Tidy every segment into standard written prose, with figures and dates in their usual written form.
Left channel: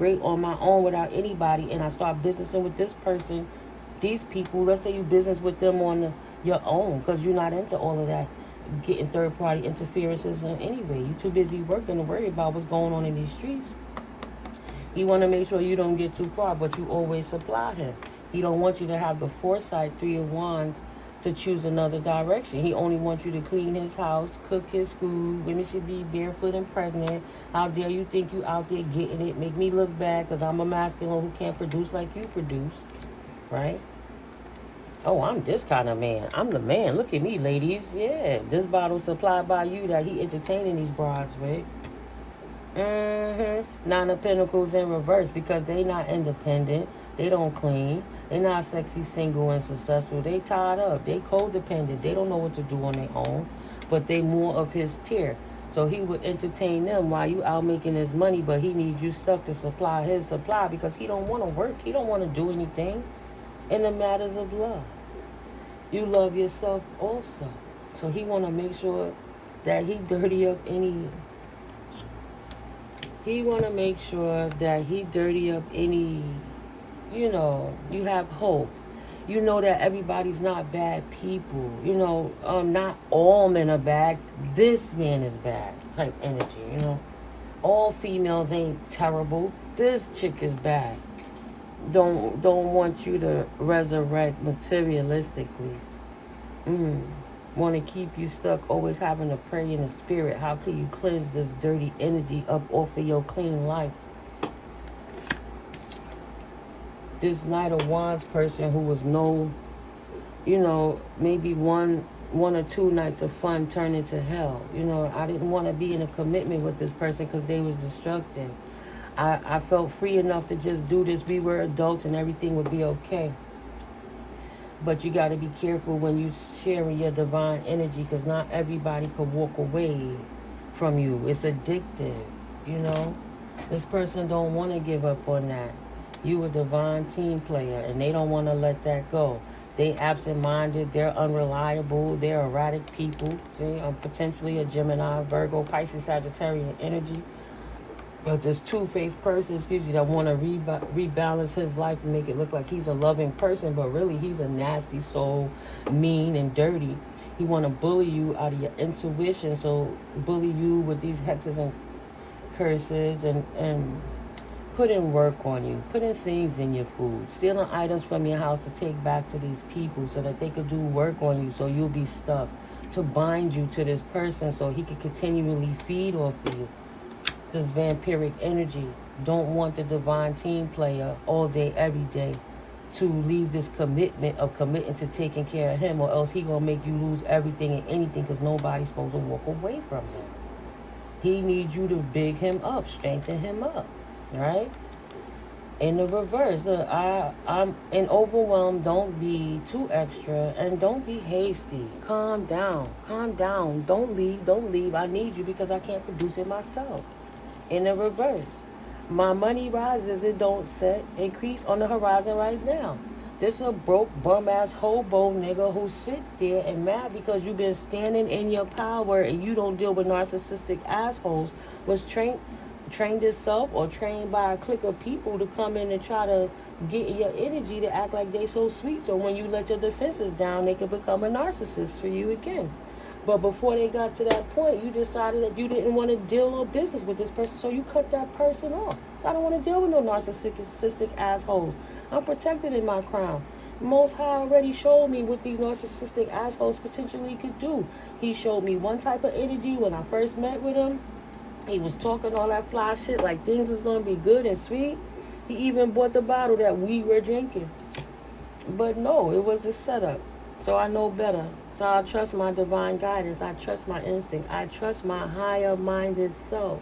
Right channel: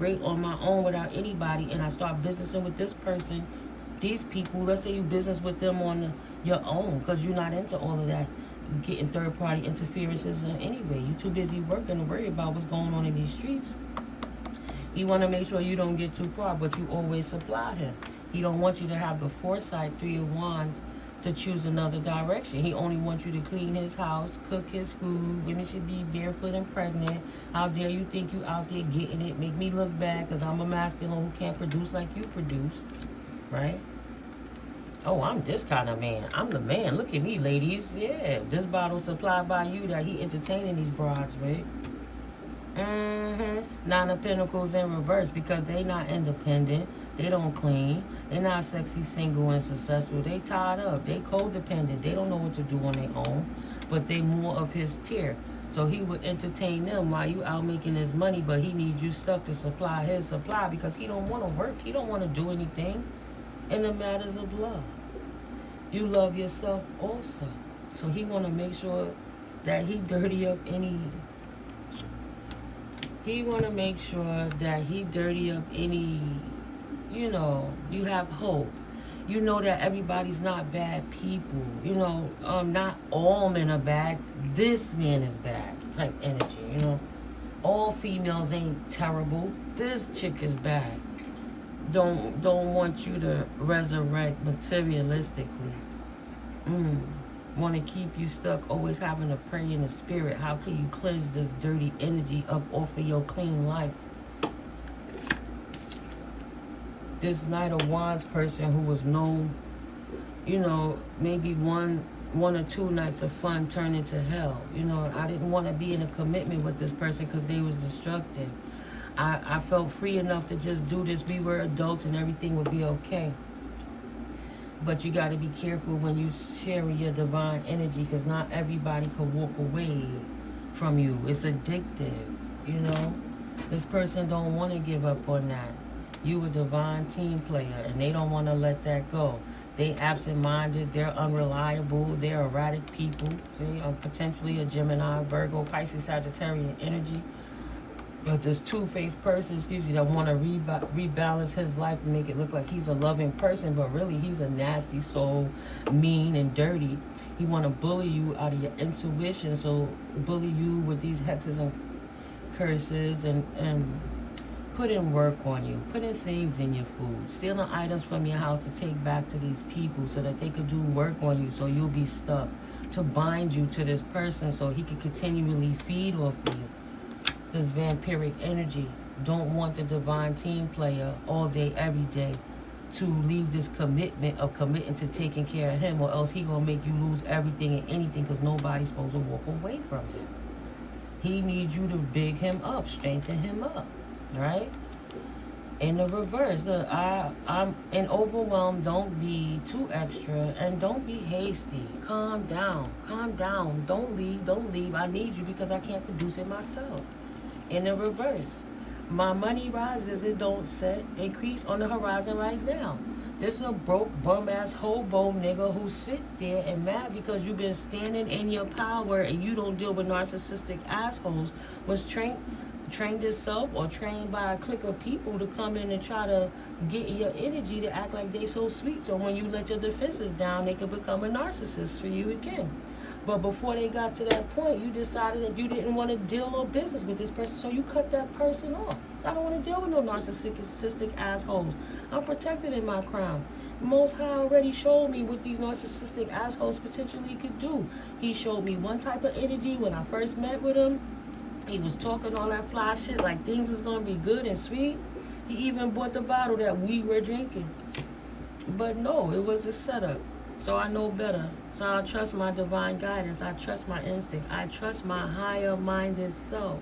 great on my own without anybody, and I start businessing with this person, these people. Let's say you business with them on your own, because you're not into all of that getting third party interferences. And anyway, you're too busy working to worry about what's going on in these streets. He want to make sure you don't get too far, but you always supply him. He don't want you to have the foresight, 3 of Wands, to choose another direction. He only wants you to clean his house, cook his food. Women should be barefoot and pregnant. How dare you think you out there getting it? Make me look bad because I'm a masculine who can't produce like you produce, right? Oh, I'm this kind of man. I'm the man. Look at me, ladies. Yeah, this bottle supplied by you that he entertaining these broads, right? Nine of Pentacles in reverse, because they not independent. They don't clean. They're not sexy, single, and successful. They tied up. They codependent. They don't know what to do on their own. But they more of his tier. So he would entertain them while you out making his money, but he needs you stuck to supply his supply because he don't want to work. He don't want to do anything in the matters of love. You love yourself also. So he want to make sure that he dirty up any... He want to make sure that he dirty up any, you know, you have hope. You know that everybody's not bad people. You know, not all men are bad. This man is bad type energy, you know. All females ain't terrible. This chick is bad. Don't want you to resurrect materialistically. Want to keep you stuck, always having to pray in the spirit. How can you cleanse this dirty energy up off of your clean life? This Knight of Wands person who was maybe one or two nights of fun turned into hell. You know, I didn't want to be in a commitment with this person because they was destructive. I felt free enough to just do this. We were adults and everything would be okay. But you got to be careful when you sharing your divine energy, because not everybody could walk away from you. It's addictive, you know. This person don't want to give up on that. You a divine team player, and they don't want to let that go. They absent-minded. They're unreliable. They're erratic people. They are potentially a Gemini, Virgo, Pisces, Sagittarian energy. But this two-faced person, that want to rebalance his life and make it look like he's a loving person, but really he's a nasty soul, mean and dirty. He want to bully you out of your intuition, so bully you with these hexes and curses and put in work on you, put in things in your food, stealing items from your house to take back to these people so that they could do work on you, so you'll be stuck, to bind you to this person so he could continually feed off of you. This vampiric energy don't want the divine team player all day, every day to leave this commitment of committing to taking care of him, or else he gonna make you lose everything and anything, because nobody's supposed to walk away from him. He needs you to big him up, strengthen him up, right? In the reverse, look, I'm overwhelmed. Don't be too extra and don't be hasty. Calm down. Don't leave. I need you because I can't produce it myself. In the reverse, my money rises, it don't set. Increase on the horizon right now. This a broke, bum-ass hobo nigga who sit there and mad because you've been standing in your power and you don't deal with narcissistic assholes, was trained itself or trained by a clique of people to come in and try to get your energy to act like they so sweet. So when you let your defenses down, they could become a narcissist for you again. But before they got to that point, you decided that you didn't want to deal or business with this person, so you cut that person off. So I don't want to deal with no narcissistic assholes. I'm protected in my crown. Most High already showed me what these narcissistic assholes potentially could do. He showed me one type of energy when I first met with him. He was talking all that fly shit like things was going to be good and sweet. He even bought the bottle that we were drinking. But no, it was a setup. So I know better. So I trust my divine guidance. I trust my instinct. I trust my higher-minded self.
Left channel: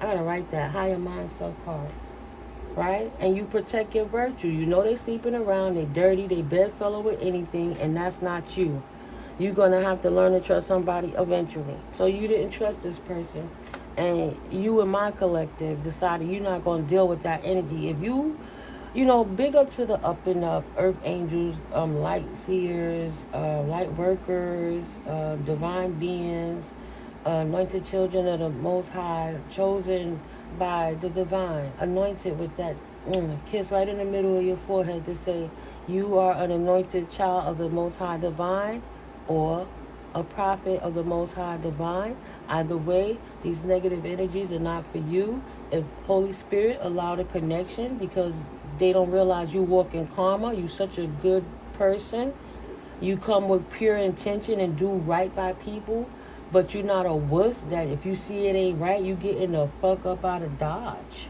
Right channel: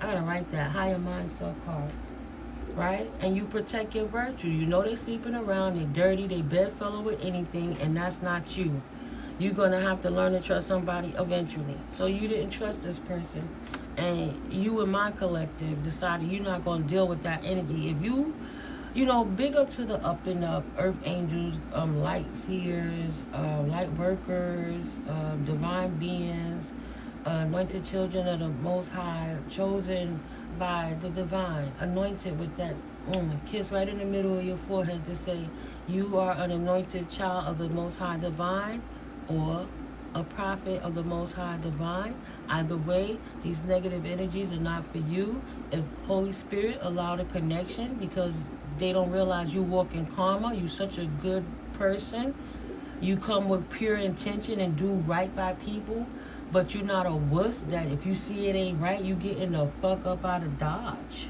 I gotta write that higher mind self card. Right? And you protect your virtue. You know they sleeping around. They dirty. They bedfellow with anything. And that's not you. You're going to have to learn to trust somebody eventually. So you didn't trust this person. And you and my collective decided you're not going to deal with that energy. If big up to the up and up earth angels, light seers, light workers, divine beings, Anointed children of the Most High, chosen by the divine, anointed with that kiss right in the middle of your forehead to say you are an anointed child of the Most High divine, or a prophet of the Most High divine. Either way, these negative energies are not for you. If Holy Spirit allow the connection, because they don't realize you walk in karma, you such a good person, you come with pure intention and do right by people, but you're not a wuss that if you see it ain't right, you getting the fuck up out of Dodge,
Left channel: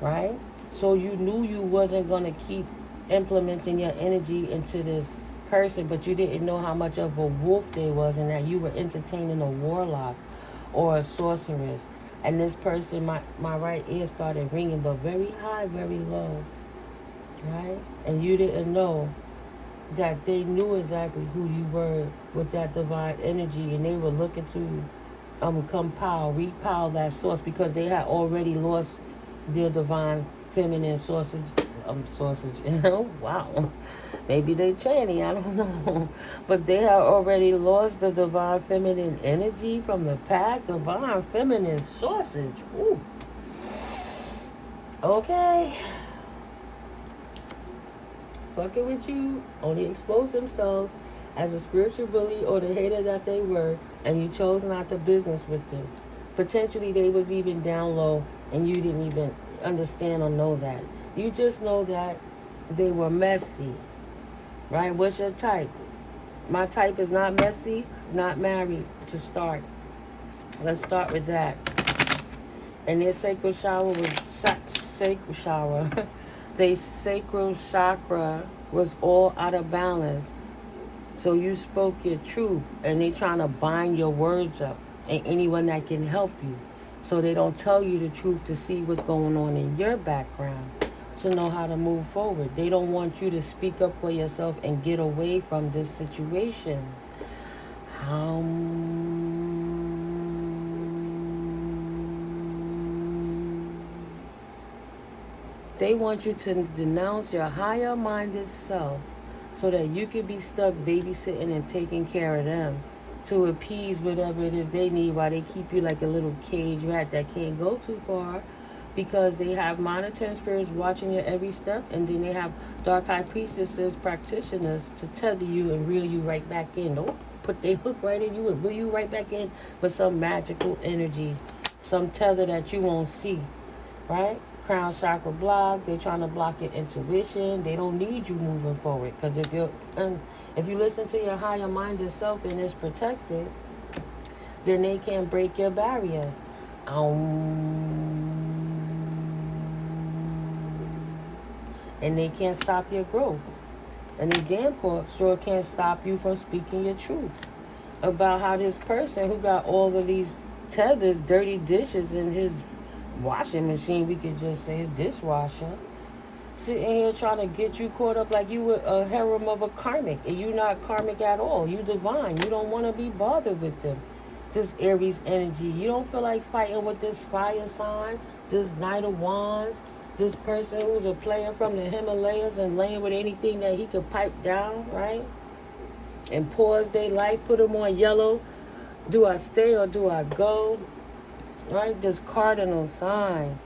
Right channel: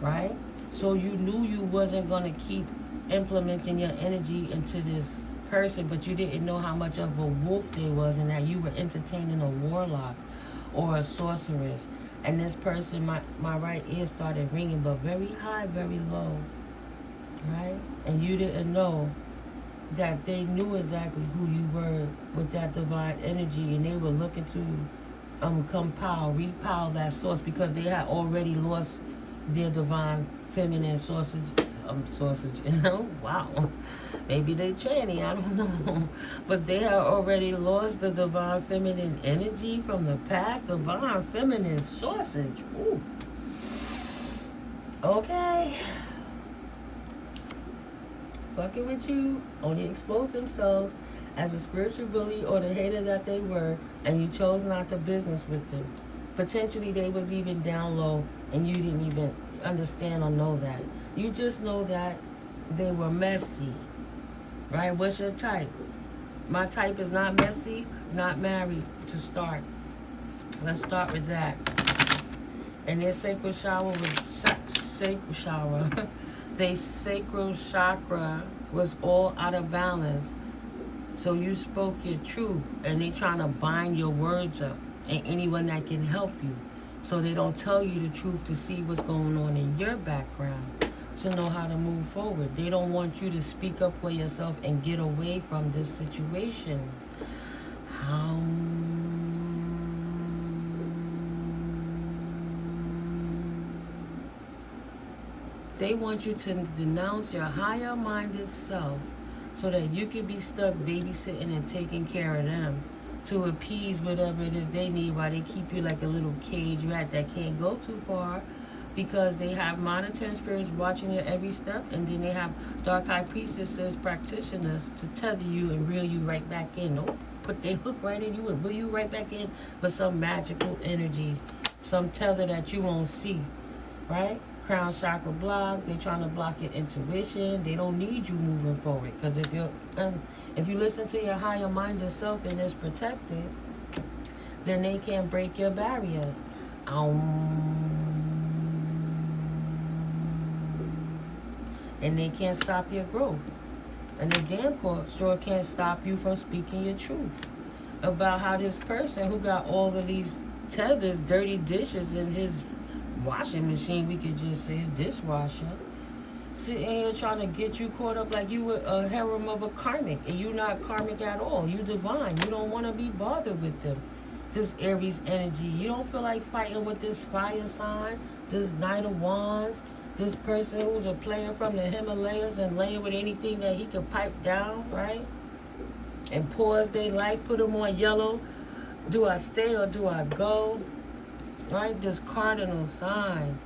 right? So you knew you wasn't going to keep implementing your energy into this person, but you didn't know how much of a wolf they was, and that you were entertaining a warlock or a sorceress. And this person, my right ear started ringing, but very high, very low, right? And you didn't know that they knew exactly who you were with that divine energy, and they were looking to repile that source, because they had already lost their divine feminine sausage, wow, maybe they tranny, I don't know, but they had already lost the divine feminine energy from the past. Divine feminine sausage, ooh, okay. Fucking with you only exposed themselves as a spiritual bully or the hater that they were, and you chose not to business with them. Potentially they was even down low and you didn't even understand or know that. You just know that they were messy, right? What's your type? My type is not messy, not married, to start. Let's start with that. And their sacral shower was sacral shower. Their sacral chakra was all out of balance. So you spoke your truth, and they trying to bind your words up, and anyone that can help you, so they don't tell you the truth to see what's going on in your background, to know how to move forward. They don't want you to speak up for yourself and get away from this situation. They want you to denounce your higher-minded self so that you can be stuck babysitting and taking care of them to appease whatever it is they need, while they keep you like a little cage rat that can't go too far, because they have monitoring spirits watching your every step, and then they have dark high priestesses, practitioners, to tether you and reel you right back in. Nope, put their hook right in you and reel you right back in with some magical energy, some tether that you won't see, right? Crown chakra block. They're trying to block your intuition. They don't need you moving forward, because if you listen to your higher minded self and it's protected, then they can't break your barrier. And they can't stop your growth. And they damn sure can't stop you from speaking your truth about how this person who got all of these tethers, dirty dishes in his washing machine, we could just say his dishwasher, sitting here trying to get you caught up like you were a harem of a karmic, and you not karmic at all. You divine. You don't want to be bothered with them. This Aries energy. You don't feel like fighting with this fire sign, this Knight of Wands, this person who's a player from the Himalayas and laying with anything that he could pipe down, right? And pause their life, put them on yellow. Do I stay or do I go? Right? This cardinal sign.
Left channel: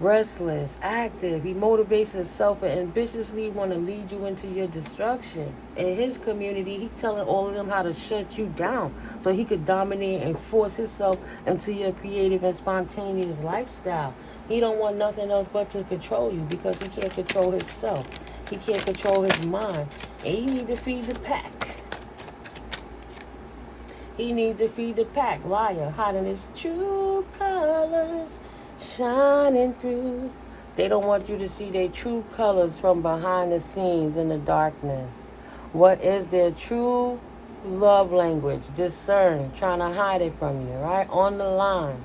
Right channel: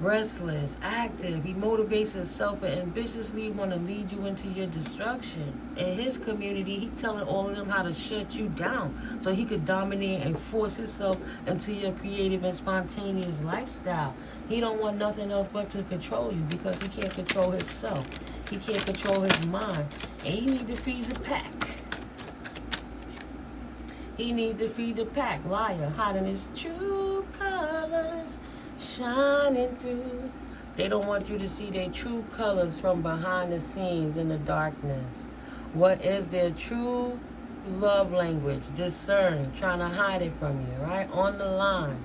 Restless, active. He motivates himself and ambitiously want to lead you into your destruction. In his community, he telling all of them how to shut you down so he could dominate and force himself into your creative and spontaneous lifestyle. He don't want nothing else but to control you, because he can't control himself. He can't control his mind. And he need to feed the pack. He need to feed the pack. Liar, hiding his true colors, shining through. They don't want you to see their true colors from behind the scenes in the darkness. What is their true love language? Discern, trying to hide it from you, right? On the line.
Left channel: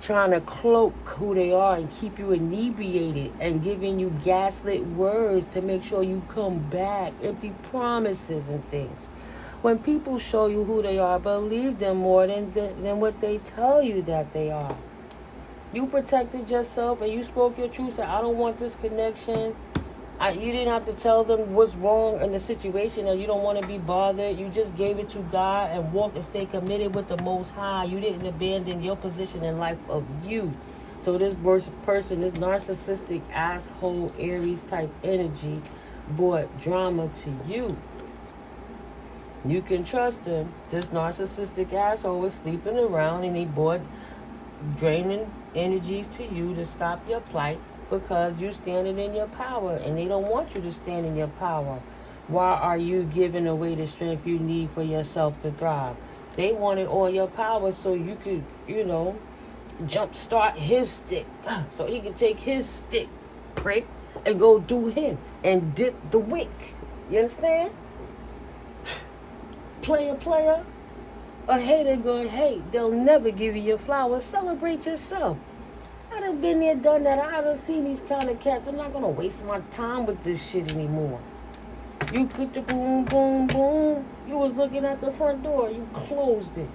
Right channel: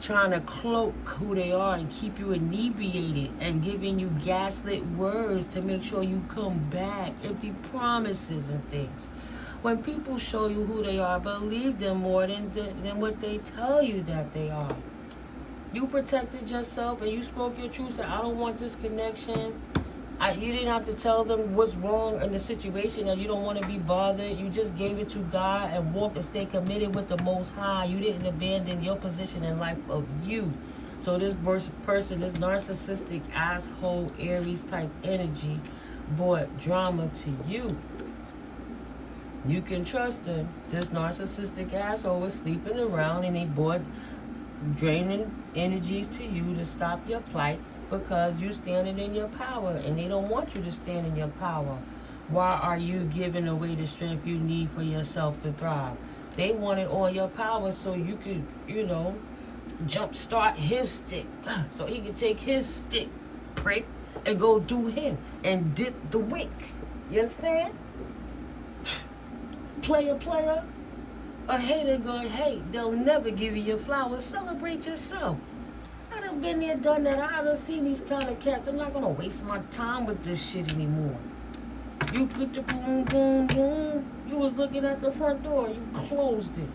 Trying to cloak who they are and keep you inebriated and giving you gaslit words to make sure you come back. Empty promises and things. When people show you who they are, believe them more than what they tell you that they are. You protected yourself and you spoke your truth. Said, I don't want this connection. You didn't have to tell them what's wrong in the situation, or you don't want to be bothered. You just gave it to God and walked and stayed committed with the Most High. You didn't abandon your position in life of you. So this person, this narcissistic asshole Aries type energy, brought drama to you. You can trust him. This narcissistic asshole was sleeping around, and he brought draining energies to you to stop your plight, because you're standing in your power, and they don't want you to stand in your power. Why are you giving away the strength you need for yourself to thrive? They wanted all your power so you could, jumpstart his stick. So he could take his stick, prick, and go do him and dip the wick. You understand? Player. A hater going, hey, they'll never give you your flowers. Celebrate yourself. I done been there, done that. I done seen these kind of cats. I'm not going to waste my time with this shit anymore. You get the boom, boom, boom. You was looking at the front door. You closed it.